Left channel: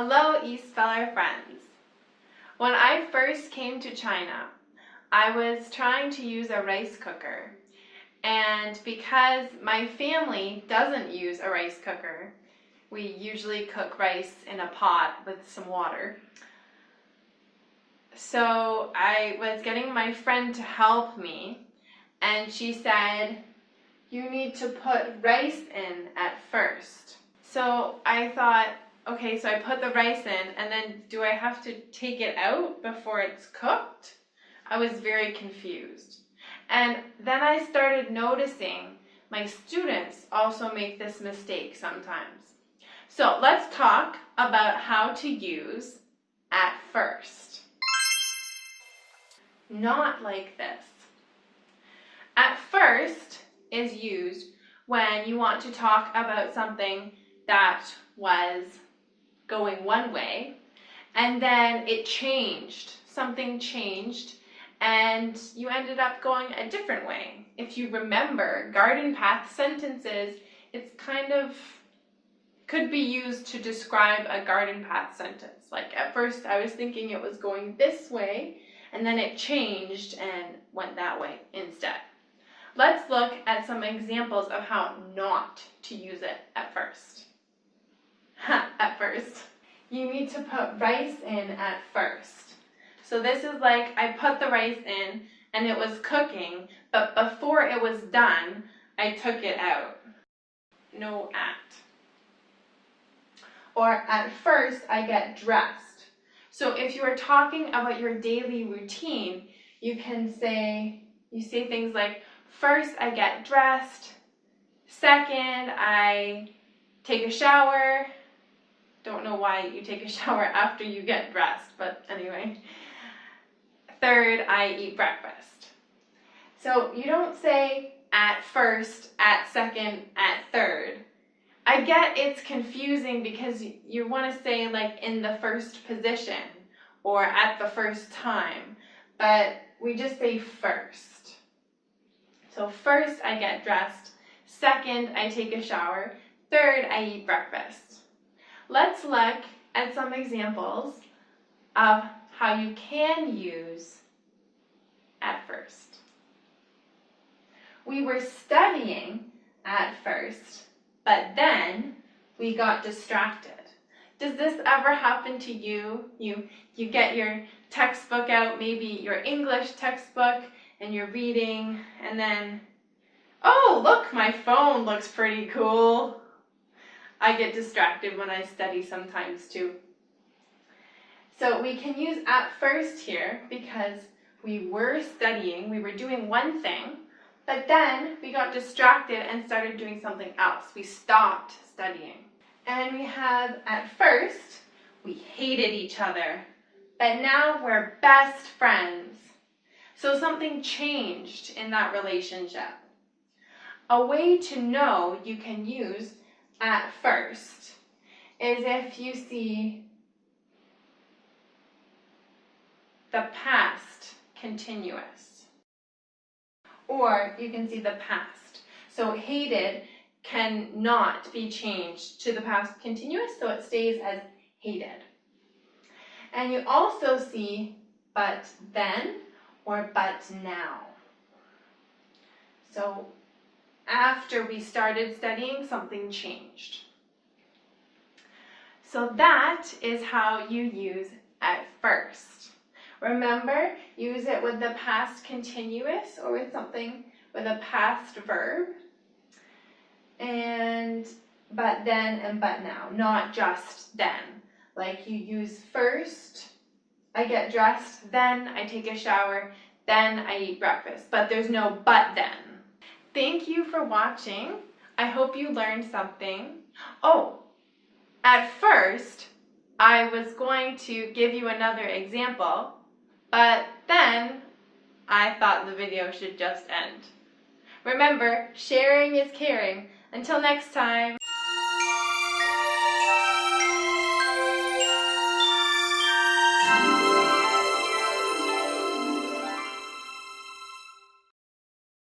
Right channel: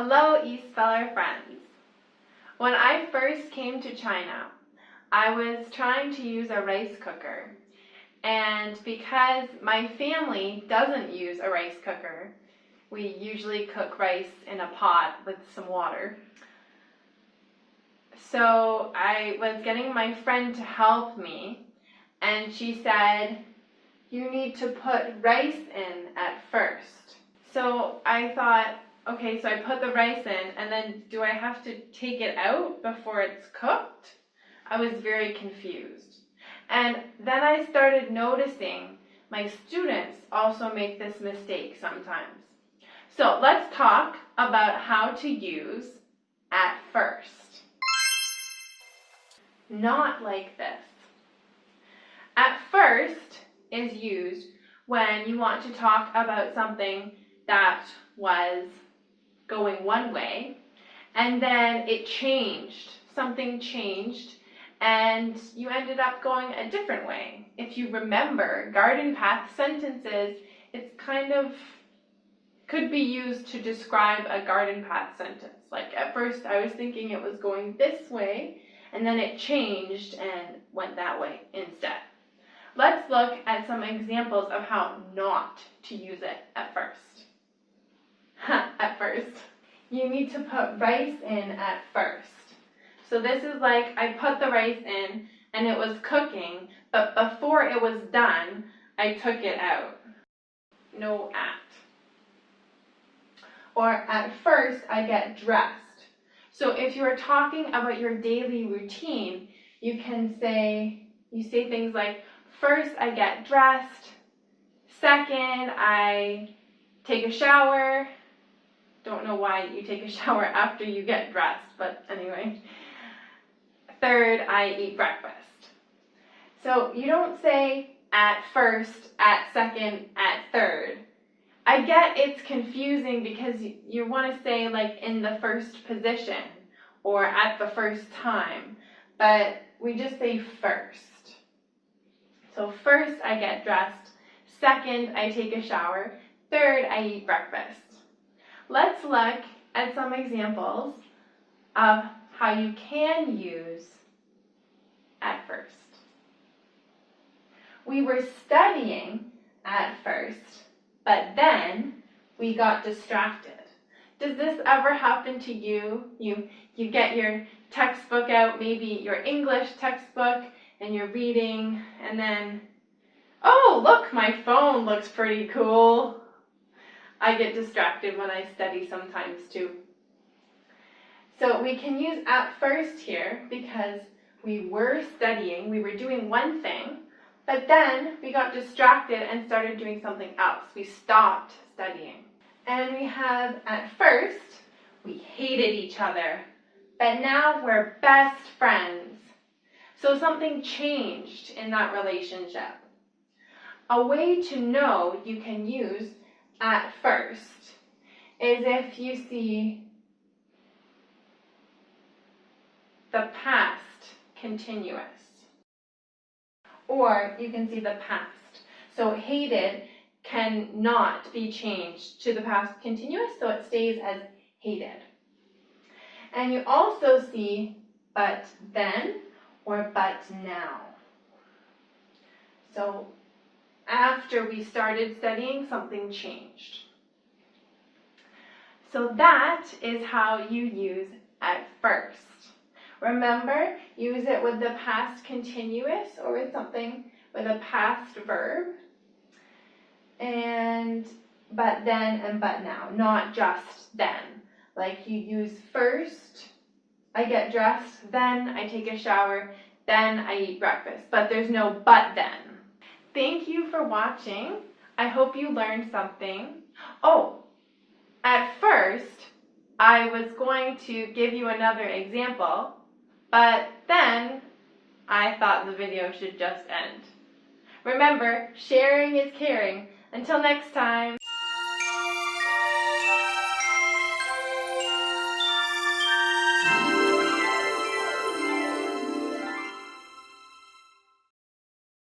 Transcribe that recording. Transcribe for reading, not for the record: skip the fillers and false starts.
Hello, East Feller friends. When I first came to China, I was trying to use a rice cooker, and because my family doesn't use a rice cooker, we usually cook rice in a pot with some water. So I was getting my friend to help me, and she said, "You need to put rice in at first." So I thought, okay, so I put the rice in, and then do I have to take it out before it's cooked? I was very confused. And then I started noticing my students also make this mistake sometimes. So let's talk about how to use at first. Not like this. At first is used when you want to talk about something that was going one way, and then it changed. Something changed, and you ended up going a different way. If you remember, garden path sentences, it's kind of could be used to describe a garden path sentence. Like at first I was thinking it was going this way, and then it changed and went that way instead. Let's look at some examples of how not to use it at first. At first. You need to put rice in at first. So this is like I put the rice in and it was cooking, but before it was done, I took it out. No at. Or at first, I get dressed. So if you are talking about your daily routine, you say things like, first I get dressed, second I take a shower. Don't know why you take a shower after you get dressed, but anyway. Third, I eat breakfast. So you don't say at first, at second, at third. I get it's confusing because you want to say like in the first position or at the first time, but we just say first. So first I get dressed, second I take a shower, third I eat breakfast. Let's look at some examples of how you can use at first. We were studying at first, but then we got distracted. Does this ever happen to you? You get your textbook out, maybe your English textbook, and you're reading, and then, oh, look, my phone looks pretty cool. I get distracted when I study sometimes too. So we can use at first here because we were studying, we were doing one thing, but then we got distracted and started doing something else. We stopped studying. And we have at first, we hated each other, but now we're best friends. So something changed in that relationship. A way to know you can use at first is if you see the past continuous. Or you can see the past. So hated cannot be changed to the past continuous, so it stays as hated. And you also see but then or but now. So after we started studying, something changed. So that is how you use at first. Remember, use it with the past continuous or with something with a past verb. And but then and but now, not just then. Like you use first, I get dressed, then I take a shower, then I eat breakfast. But there's no but then. Thank you for watching. I hope you learned something. Oh, at first, I was going to give you another example, but then I thought the video should just end. Remember, sharing is caring. Until next time.